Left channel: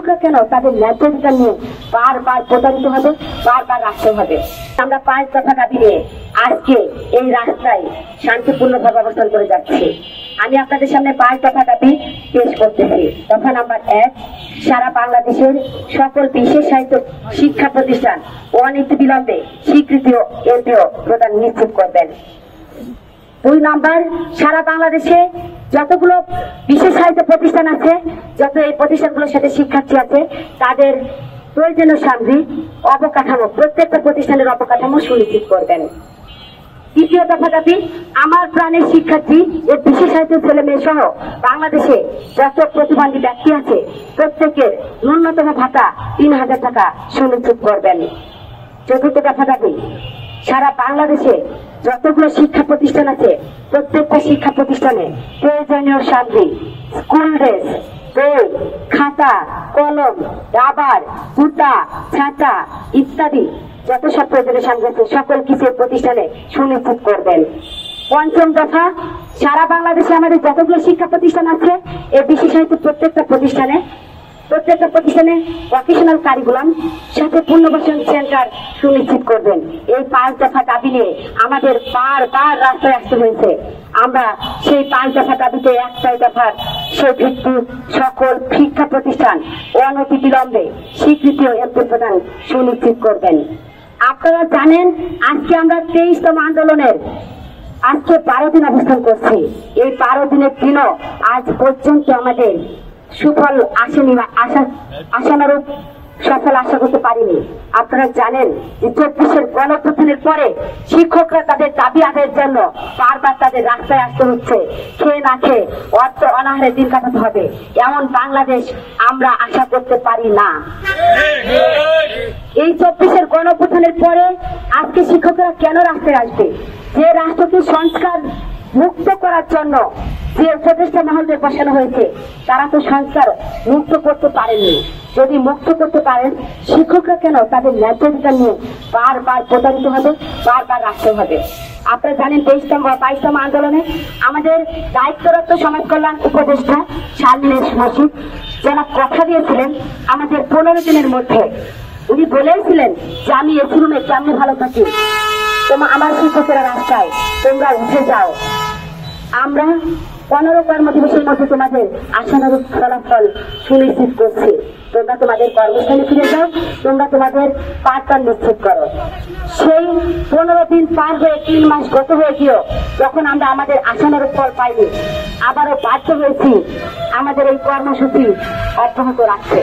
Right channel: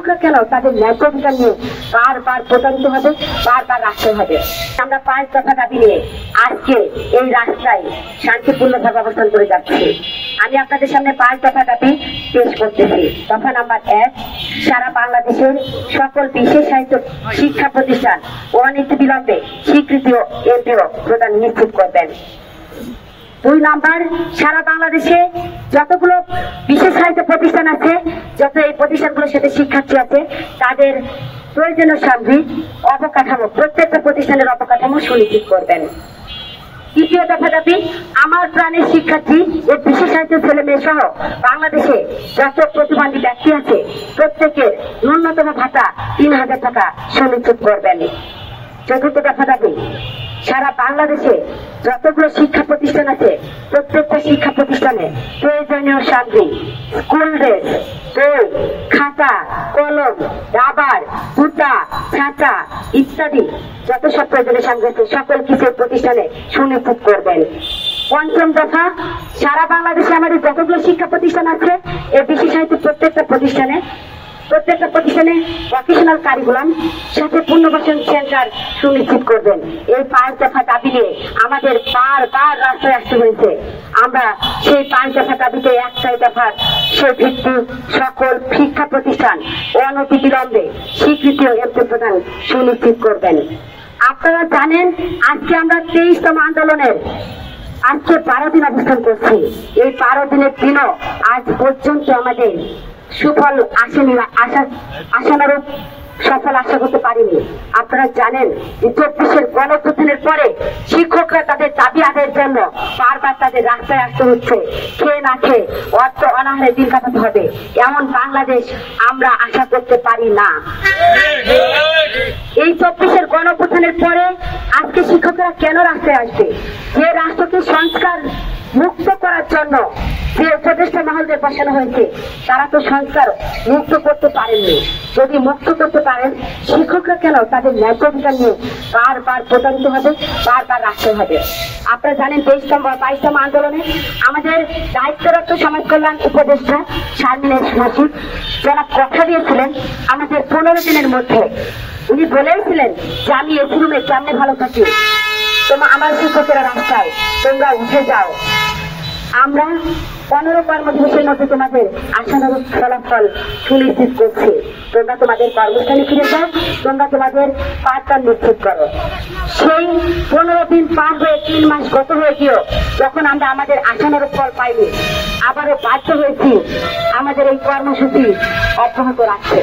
শিক্ষকরা কেন তাদের ন্যায্য অধিকার নিয়ে বারবার প্রতারিত হবে, বারবার রাখতে হবে। আমরা 5 দফা দাবি নিয়ে আজকে এই রাস্তায় শান্তিপূর্ণভাবে অবস্থান করে যাচ্ছি। আমি আপনাদের সামনে 5 দফা দাবি পেশ করতেছি। দফা নাম্বার 1, সারা বাংলাদেশের সকল বিশেষ সাহিত্য শিক্ষা প্রতিষ্ঠান অনতিবিলম্বে স্বীকৃতি ও এমপিও প্রদান নিশ্চিত করবেন। 2 নাম্বার, সারা বাংলাদেশে যতগুলো বিশেষ সাহিত্য প্রতিষ্ঠান আছে, যত এই প্রতিষ্ঠানগুলোর সাথে শিক্ষার্থী আছে, তাদের প্রয়োজনীয় সামগ্রিক অবকাঠামো প্রত্যেকটা প্রতিষ্ঠানের অবকাঠামো সুনিশ্চিত করবেন। 3 দফা দাবি, আমার প্রাণের শিক্ষার্থী ও বিশেষ সাহিত্য ছেলে মেয়ে সহ বাংলাদেশে যত প্রতিবন্ধী ব্যক্তি আছে প্রত্যেকের ন্যূনতম ভাতা 3000 টাকা সুনিশ্চিত করবেন। 4 দফা দাবি, সারা বাংলাদেশে যতগুলো শিক্ষা প্রতিষ্ঠান আছে প্রত্যেকটা শিক্ষা প্রতিষ্ঠানে প্রয়োজনীয় সামগ্রী, স্কুল ড্রেস, বই, খাতা, কলম, রাবার, জুতা, ছাতা ইত্যাদি যত সব প্রয়োজনীয় সামগ্রী আছে সকল কিছু প্রতিষ্ঠানে সুনিশ্চিত করবেন। 5 দফা, সারা বাংলাদেশে আমাদের যতগুলো শিক্ষা প্রতিষ্ঠান আছে এই বিশেষ সাহিত্য প্রত্যেকটা প্রতিষ্ঠানে ভোকেশনাল কারিকুলাম সাথে পুনর্বাসন সেন্টার সুনিশ্চিত করবেন। এই 5 দফা দাবি নিয়ে আমাদের বারবার রাস্তায় আসতে হয়েছে। আমরা সেই 5 দফা দাবিতে একটাই দফার সে ভিত্তিক সকল শিক্ষা প্রতিষ্ঠান অনতিবিলম্বে স্বীকৃতি ও এমপি প্রদান সুনিশ্চিত করবেন। আপনারা জানেন আজকে আমরা 23তম আন্দোলনের আজকে 12 দিন অবস্থান করছি। এই 12 দিনের দিনও আজ পর্যন্ত আমাদের সুফল আসেনি, আশানুরূপ সফল আশা করতে পারিনি। আপনারা জানেন যে 24-এর গণঅভ্যুত্থানের পরে শিক্ষকরা তাদের দাবি আদায়ের জন্য বারবার তাদের রাস্তায় আসতে হচ্ছে। খেয়ে না খেয়ে অর্থ অনাহারে দিন কাটাতে হবে, এমন বাংলাদেশ আমরা আশা করতে পারি না। এই 24-এর গণঅভ্যুত্থানের পরে আজকে শিক্ষকরা কেন রাস্তায় আসবে? যে রাষ্ট্রকে সংস্কার মুক্ত করার জন্য যে উপদেষ্টা মহলকে বসানো হয়েছে তারা তো সংস্কার মুক্ত করতে পারেননি। যদি মুক্ত করতে পারেন শিক্ষকরা কেন তাদের ন্যায্য অধিকার নিয়ে বারবার প্রতারিত হবে, বারবার রাখতে হবে? আপনারা জানেন 22তম আন্দোলনে আমাদের দায়িত্বরত সমাজ কল্যাণ উপদেষ্টা শারমিন নাসির যারা কথা দিয়েছিলেন আমাদের 15 দিনের মধ্যে, উনি বলেছিলেন যে আমি এসি রুমে কেমনে ভালো থাকি, আমার শিক্ষকেরা রাস্তায়, তোমরা উঠে যাও। আমরা 15 কর্মদিবসের মধ্যে তোমাদের আশানুরূপ ফলাফল সুনিশ্চিত করছি। তোমরা তোমাদের কর্মস্থলে ফিরে যাও, তোমরা তোমাদের পাঠদান নিশ্চিত করো। সেই 15 দিন পার হয়ে 3 মাস গত হয়ে গিয়েও যখন আমরা আমাদের আশানুরূপ ফল পাইনি, আবারও বাধ্য হয়েছি আমাদের এই কর্মসূচি অব্যাহত রাখতে।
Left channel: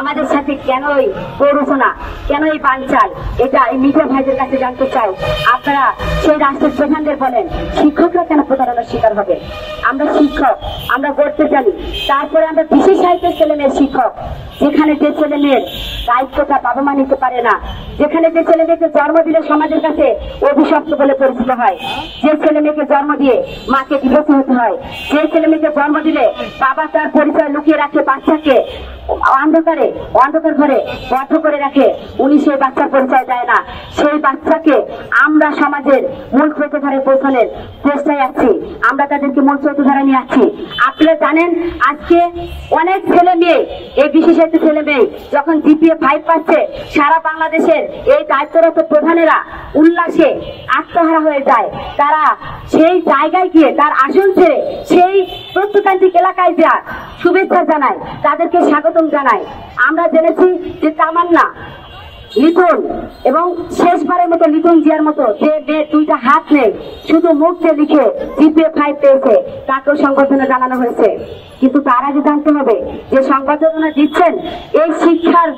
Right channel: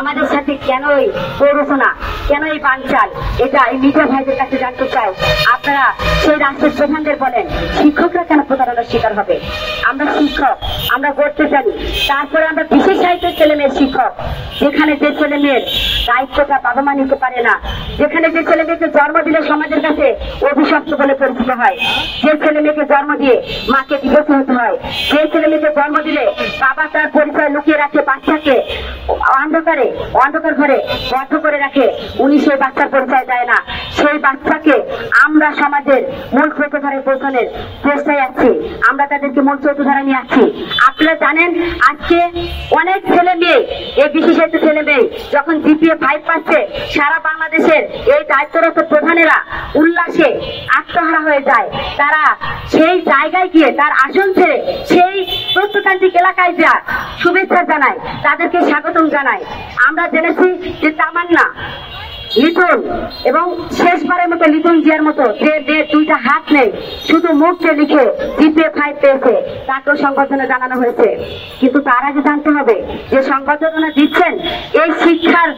আমাদের সাথে কেন এই প্ররোচনা, কেন এই বানচাল, এটা এই মিডিয়া ভাইদের কাছে জানতে চাই। আপনারা সেই রাষ্ট্রের প্রধানদের বলেন শিক্ষকরা কেন প্রতারণার শিকার হবে? আমরা শিক্ষক, আমরা গড়তে জানি, তারপরে আমরা বিশেষ সাহিত্যের ছেলে মেয়ের শিক্ষক। যেখানে যে ছেলে মেয়ের দায়িত্বটা বাবা মা নিতে পারে না, যেখানে যে ছেলে মেয়েকে জন্ম দিলে সমাজের কাছে অভিশপ্ত বলে পরিচিত হয়, যে ছেলে মেয়েকে জন্ম দিয়ে মাকে দিবস হতে হয়, যে ছেলে মেয়েকে জন্ম দিলে বাবা তার পরিচয় লুকিয়ে রাখে, বাচ্চাকে অন্ধকার ঘরে বদ্ধ করে রাখে, উনি সেই বাচ্চার পরিচয় দেয় না। সেই বাচ্চাকে আমরা সমাজের মূল স্রোতধারে পৌঁছানোর চেষ্টায় আছি, আমরা তাদেরকে মূল স্রোতধারা নিয়ে আসছি। আপনারা জানেন আজকে অনেক ছেলে মেয়ে, এই বিশেষ ছেলে মেয়ে যখন GPA 5 পাচ্ছে, সারা বাংলাদেশের এই দায়িত্বরত প্রধানেরা উল্লাসে আত্মহারা হয়ে যায়। তারা সেই জায়গায় গিয়ে তার আসন ছেড়ে সেই প্রত্নতান্ত্রিক এলাকায় যা শুভেচ্ছা জানায়, তাদেরকে স্বাগতম জানায়। আমরা জেনেছি যে তামান্না, লিটন এবং শেষবারের মতো লিটন জিয়ার মতো যে মেয়ের 2টা হাত নেই, শুধু মুখে লিখে GPA 5 পেয়েছে, তাকেও সংবর্ধনা জানানো হয়েছে। কিন্তু তার আগে জানতে হবে যে সংবর্ধনা দিচ্ছেন এই শিক্ষার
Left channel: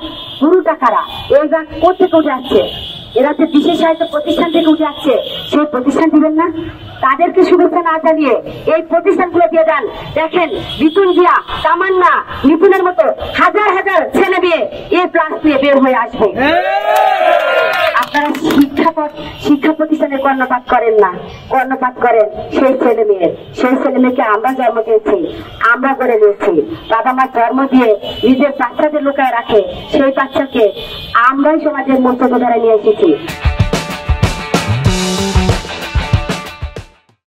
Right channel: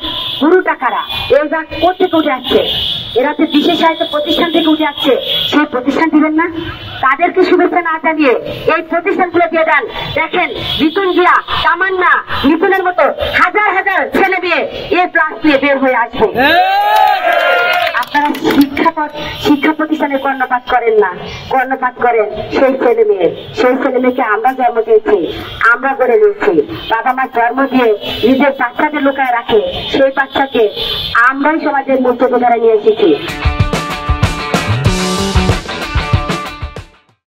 গুরুটা কারা, এইবার কোথেকে উঠে আসছে? এরা যে বিশেষ সাহিত্য প্রতিষ্ঠান থেকে উঠে আসছে, সেই প্রতিষ্ঠান দিবেন না? তাদেরকে শুভেচ্ছা না জানিয়ে এই প্রতিষ্ঠানগুলো দিয়ে দেন। দেখেন লিটন জিয়া, তামান্না, লিটনের মতো হাজার হাজার ছেলে মেয়ে A+ নিয়ে বের হয়ে আসবে। আপনারা শিক্ষা প্রতিষ্ঠানে কর্ণপাত করেন না, কর্ণপাত করেন সেই ছেলে মেয়েকে আমরা জন্ম দিয়েছি, আমরা গড়ে নিয়েছি। বাবা মা জন্ম দিয়ে নিজের বাচ্চাকে লুকায় রাখে, সেই বাচ্চাকে আমরাই সমাজের মুক্ত করে নিয়ে এসেছি।